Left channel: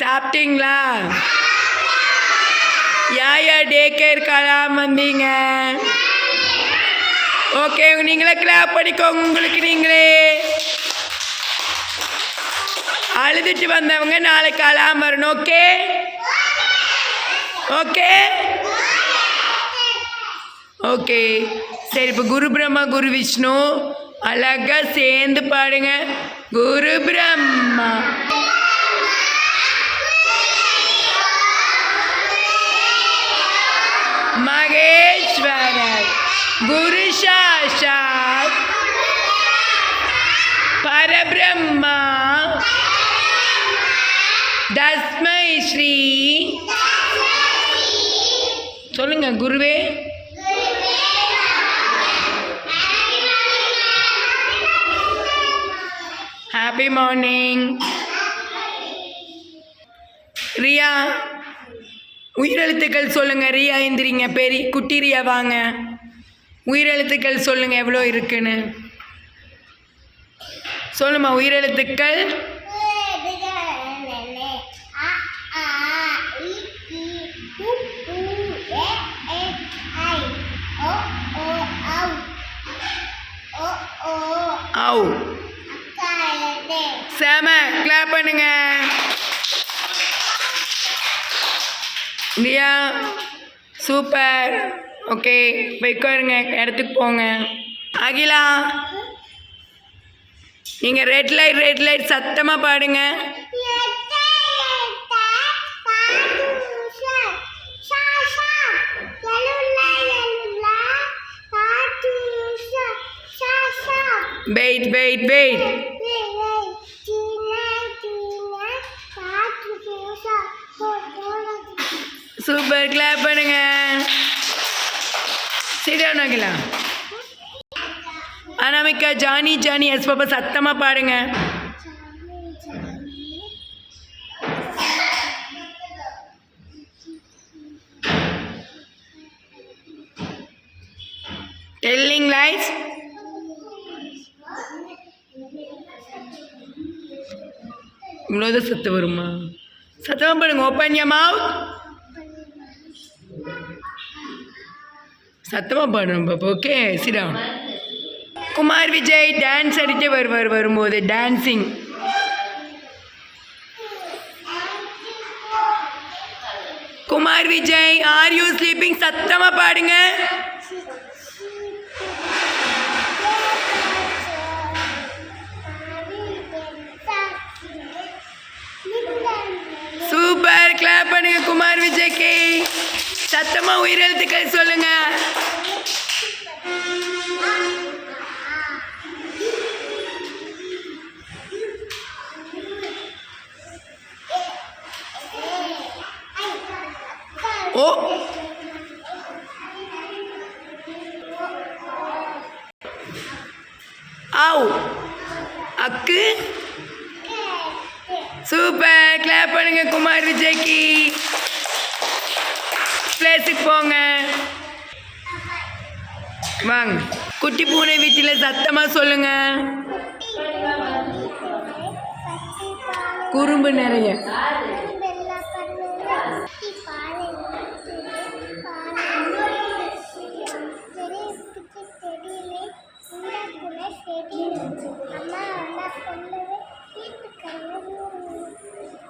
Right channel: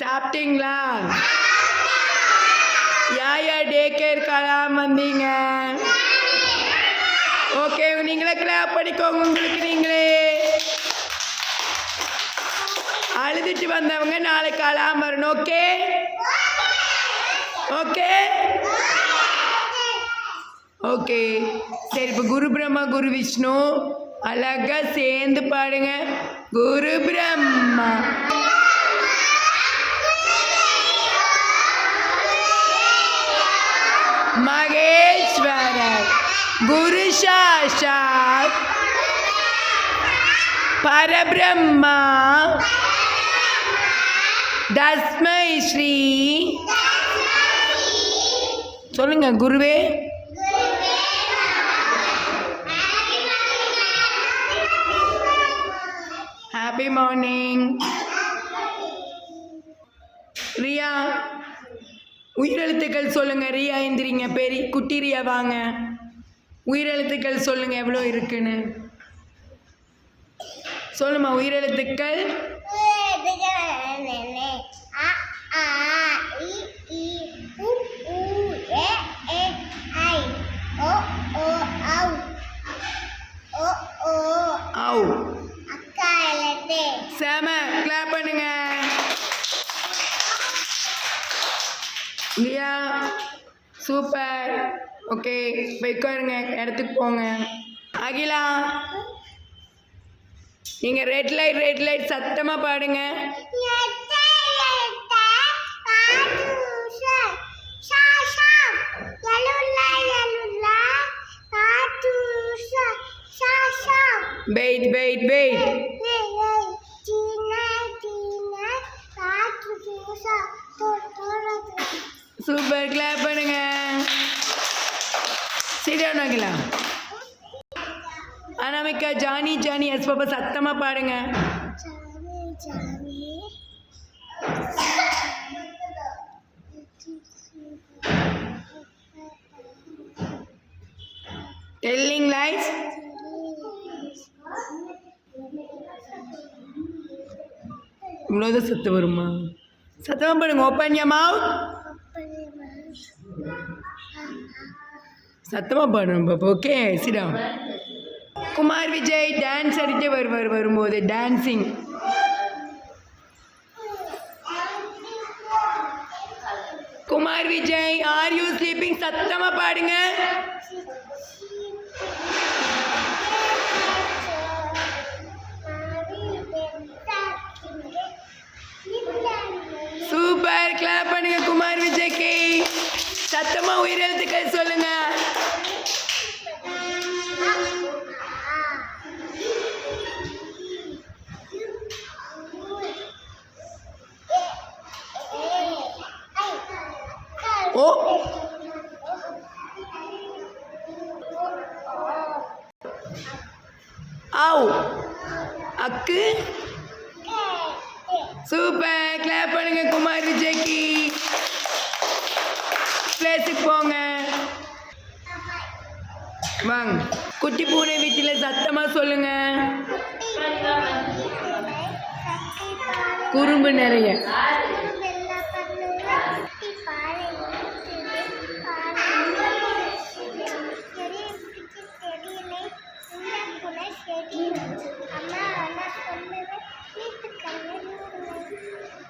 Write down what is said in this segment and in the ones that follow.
சாப்பிட்டீங்களா? யாயா day care Kalam வந்தீங்க? Okay, நீங்களே கிளாப் பண்ணிக்கோங்க உங்களுக்கு நீங்களே. அழுதுட்டு வந்தவங்க நாளைக்கு அழாம வரணும். ஓகே ஓகே ஓகே சரி. இப்போ குரு பிரம்மா குரு விஷ்ணு அழகா சேர்ந்து பாடுங்க. குரு பிரம்மா மகேஸ்வரர் குரு சாட்சாத் பரபிரம்மா தஸ்மை ஸ்ரீ. சொல்லுங்க குருவே. Happy morning. ரியா உயிரெழுத்துக்கள் சொல்லுங்க. ரியா எந்திரிங்க. பெரிய குட்டி ரியா வாங்க. உயிரெழுத்துக்கள் சொல்லுங்க எவ்வளோ இருக்குன்னு சொல்லுமா. உயிரெழுத்துக்கள் செம. கிளாப் பண்ணுங்க. ரியா சூப்பர். ஓகே உட்காருங்க, இடத்துக்கு போங்க. அகிலா நீங்கள் ரெட் லைட் சத்தமாக பாடுங்க. Wait super. கிளாப் பண்ணுங்க. சரியான Akila. Anamika Johnny yes papa சத்தமாக பாடுங்க. Telling lies. இவ்வளோதான் சத்தம் வருமா? சத்தமாக பாடுங்க. Open your mouth. சத்தமாக பாடணும் பாப்பா. ஓகே சிடா. குமார் விஜய் டான்ஸ் அடிக்க வரும்போது dancing. Kumar Vijay are you sleeping? சத்தமாக பாடுங்க. சூப்பர். கிளாப் பண்ணுங்க குமார் விஜய்க்கு. சத்தமா உயிரெழுத்துக்கள் சொல்லுங்க. ஓ ஆவ் அக்கு. சூப்பர். கிளாப் பண்ணுங்க குமார் விஜய்க்கு. பிளேஸுக்கு போங்க வாங்க. குட்டி பூனை வீட்டில் சத்தமாக சொல்லுங்க. குறும்பு நிறைய.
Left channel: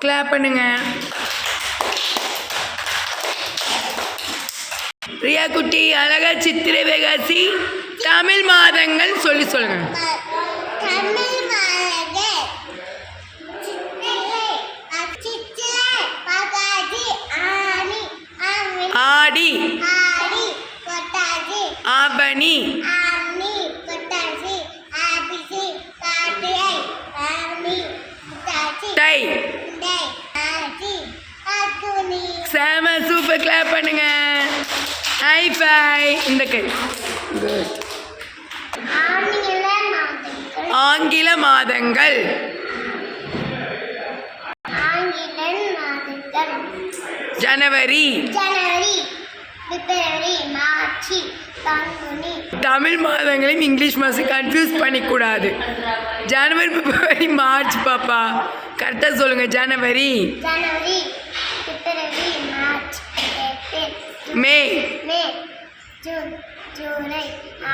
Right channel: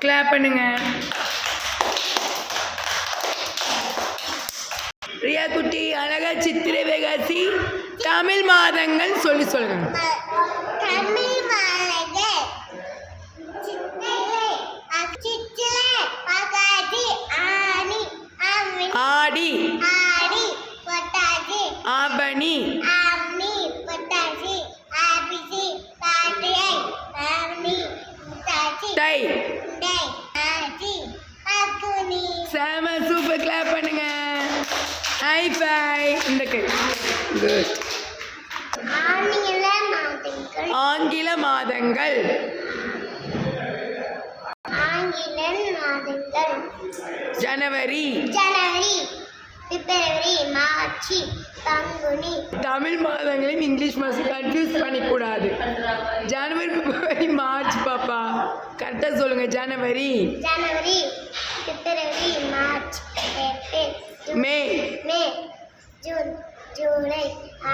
கிளாப் பண்ணுங்க. ரியா குட்டி அழகா சித்திரை வைகாசி தமிழ் மாதங்கள் சொல்லுங்க. ஆடி ஆவணி தை. செம. சூப்பர். கிளாப் பண்ணுங்க. Hi bye. இந்த கை. குட். ஆங்கில மாதங்கள் ஜனவரி பிப்ரவரி, மார்ச், பங்குனி. தமிழ் மாதங்களையும் இங்கிலீஷ் மாதம் கன்ஃபியூஸ் பண்ணிக்கூடாது. ஜனவரி, பிப்ரவரி, மார்ச் பாப்பா கரெக்டாக சொல்லுங்கள். January, February, March, April, May, June, July,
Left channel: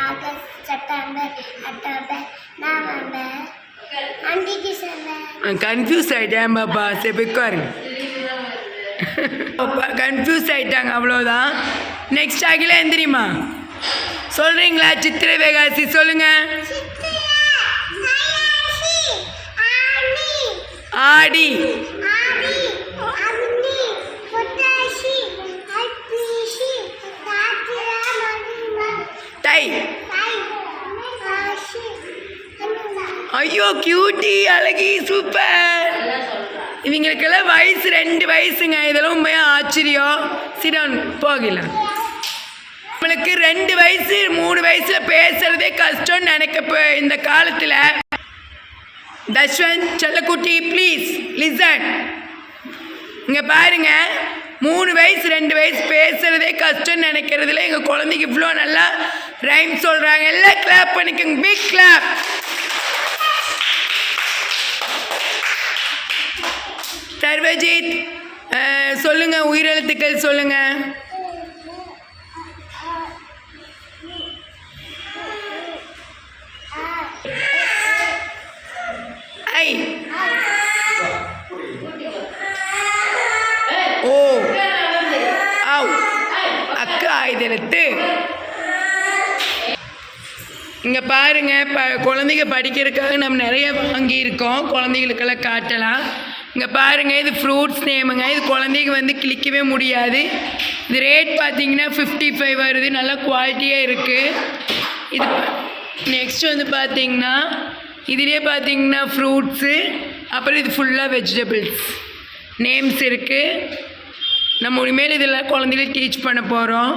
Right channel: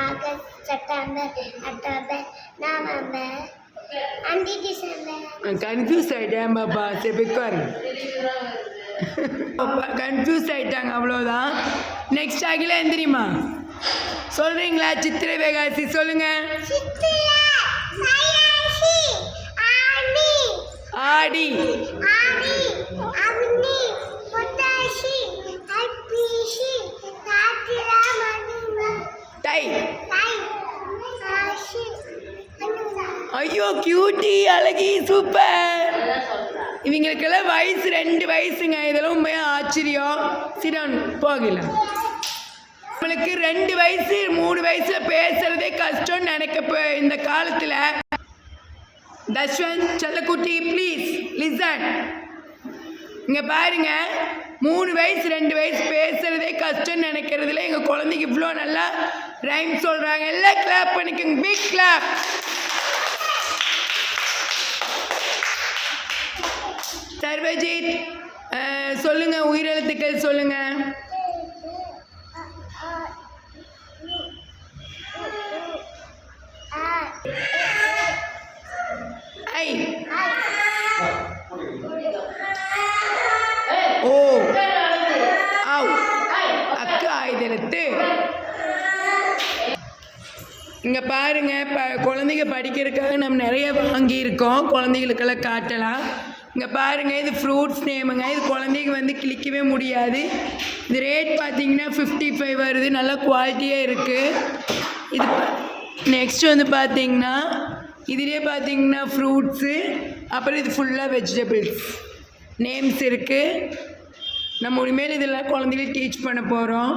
August, September, October, November and December. Confuse ஆகிட்டேன் பாப்பா. சரி உட்காருங்க. பாப்பா கன்ஃபியூஸ் ஆகிட்டாங்க, அவ்வளோதான். நெக்ஸ்ட் ஆகில எந்திரிமா சொல்கிறீங்களா? சித்திரை வைகாசி சொல்லுங்கள். ஆடி, தை. ஐயோ கியூட்டி, அழகி, சூப்பர். இவங்களுக்கெல்லாம் வயசு 2 வயசுங்க. இதெல்லாம் உண்மையாக ஆச்சரியம். சிடன் போகலாம். நம்மளுக்கு 2 வயசு 3 வயசில் பேசுகிறதே கஷ்டம்னு நினைக்க இந்த காலத்தில். தஷ்வந்த் செல்லக்குட்டி ப்ளீஸ் லிசன். இங்கே பாருங்க, 3 வயசு 2 வயசு பேசுகிறதே கஷ்டம்னு நினைக்கிறதுல எங்கள் குழந்தைக்கு இவ்வளோ நல்லா ரைம் சொல்கிறாங்க. எல்லாம் கிளாப் பண்ணிக்கோங்க. Big clap. சர்வஜித் சொல்லுங்கள், உயிரெழுத்துக்கள் சொல்லுங்கள். ஐ, ஓ, ஆவ், அக்கு ஆயுதெழுத்து. இங்கே பாருங்கள், குழந்தைங்க படிக்கிறதுக்காக நம்ம நிறைய வாங்கியிருக்கோம். குழந்தைகளுக்கெல்லாம் காட்டலாம். இங்கே பாருங்கள், இது ஃப்ரூட்ஸ் நேமுங்க. இது குழந்தைங்க வந்து கிளிக்கவே முடியாது. இது ரேட் பார்த்தீங்கன்னா 55 வருது. நல்லா குவாலிட்டியாக இருக்குது. இது நெக்ஸ்ட் வந்து பார்த்தீங்கன்னா இதிலே பார்த்தீங்கன்னா ஃப்ரூட்ஸு, அப்புறம் இது ஃபுல்லாக வெஜிடபிள்ஸ் நேம்ஸ் இருக்குது. நம்ம இனிமேல் இதெல்லாம் குழந்தைகளுக்கு டீச் பண்ண போகிறோம்.